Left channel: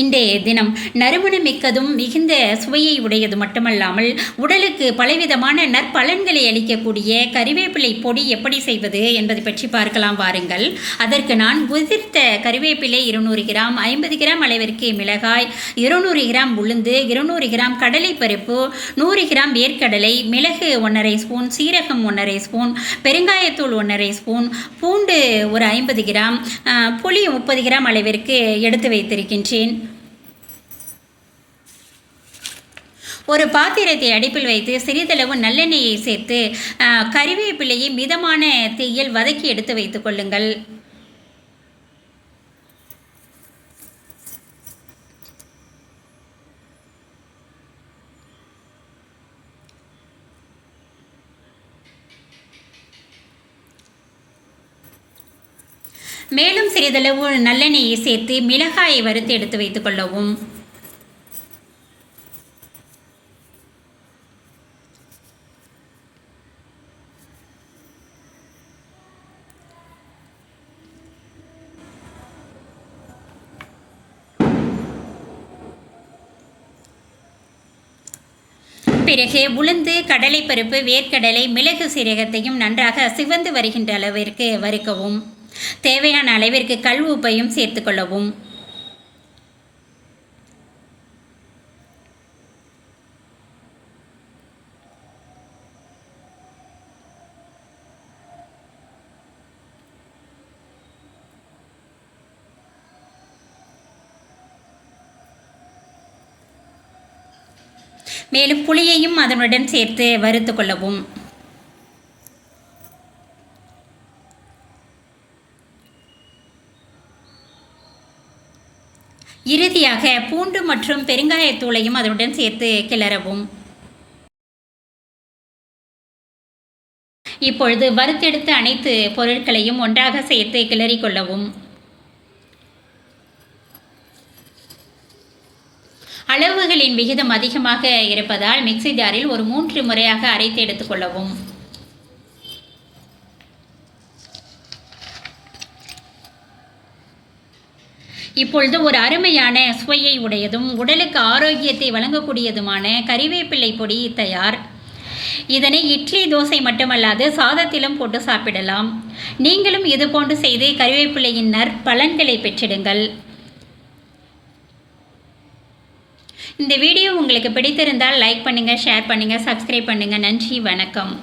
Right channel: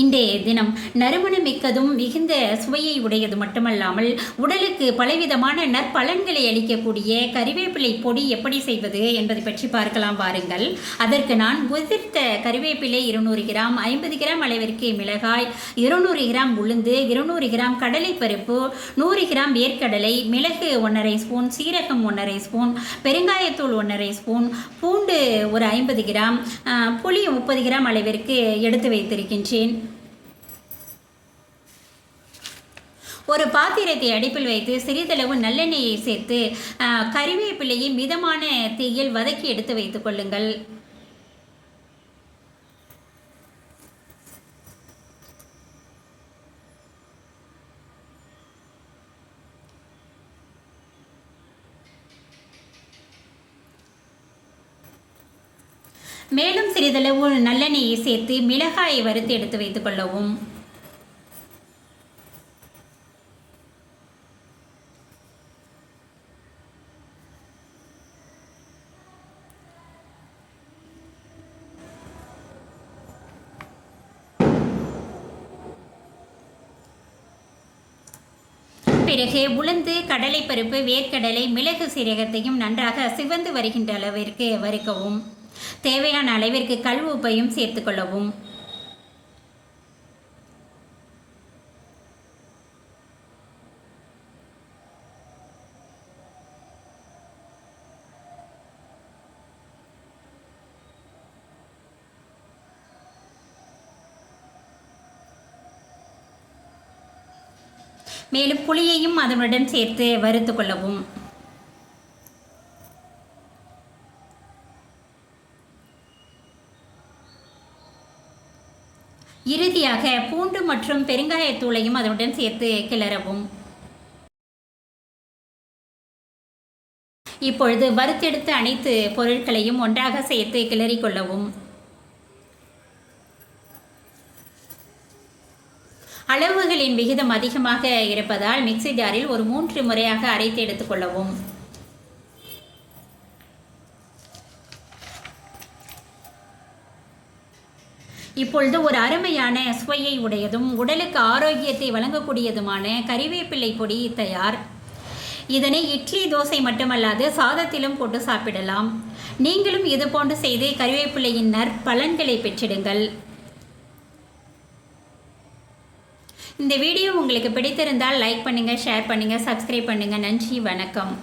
இன்றைய தினம் நறுமணமிக்கதும் மிகுந்த சுவையை உடையது மட்டுமல்லாமல் உடலுக்கு பலவிதமான நற்பலன்களை அளிக்கக்கூடிய கறிவேப்பிலை பொடி எப்படி செய்வது என்பதை பற்றி பார்க்கலாம் வாருங்கள். அதற்கு நான் உதிர்த்த கறிவேப்பிலை 200 கிராம், 50 கிராம் அளவிற்கு மிளகாய், 200 கிராம் உளுந்து, 200 கிராம் கடலைப்பருப்பு, 100 கிராம் வேர்க்கடலை, மிளகு 1½ ஸ்பூன், சீரகம் 1½ ஸ்பூன், பெருங்காயத்தூள் 1½ ஸ்பூன், பூண்டு ஒரு 50 கிராம், புளி 30 கிராம் அளவிற்கு எடுத்து வைத்திருக்கின்றேன். ஒரு பாத்திரத்தை அடுப்பில் வைத்து சிறிதளவு நல்லெண்ணெயை சேர்த்து கறிவேப்பிலையை மிதமான தீயில் வதக்கி எடுத்து வைத்துக் கொள்ளுங்கள். மேலும் சிறிதளவு நல்லெண்ணெயை சேர்த்து மிளகாயை வறுத்து எடுத்து வைத்துக் கொள்ளவும். பிறகு உளுந்து, கடலைப்பருப்பு, வேர்க்கடலை, மிளகு, சீரகத்தையும் நன்றாக சிவந்து வருகின்ற அளவிற்கு வறுக்கவும். தேவையான அளவிற்கு கல் உப்பையும் சேர்த்துக்கொள்ளவும். மேலும் புளியையும் அதனுடன் சேர்த்து வறுத்து கொள்ளவும். இறுதியாக பூண்டு மற்றும் பெருங்காயத்தூளையும் அதனுடன் சேர்த்து கிளறவும். இப்பொழுது வறுத்தெடுத்த அனைத்து பொருட்களையும் ஒன்றாக சேர்த்து கிளறி கொள்ளவும். அளவுகளின் விகிதம் அதிகமாக இருப்பதால் மிக்ஸி ஜாரில் ஒரு 3 முறையாக அரைத்து எடுத்துக்கொள்ளவும். இப்பொழுது ஒரு அருமையான சுவையை உடையதும் உடலுக்கு ஆரோக்கியத்தை வழங்கக்கூடியதுமான கறிவேப்பிலை பொடி தயார். இதனை இட்லி, தோசை மட்டுமல்லாது சாதத்திலும் போட்டு சாப்பிடலாம். நீங்களும் இதுபோன்று செய்து கறிவேப்பிலையின் நற்பலன்களை பெற்றிடுங்கள். இந்த வீடியோ உங்களுக்கு பிடித்திருந்தால் லைக் பண்ணுங்கள், ஷேர் பண்ணுங்கள், சப்ஸ்கிரைப் பண்ணுங்கள். நன்றி, வணக்கம்.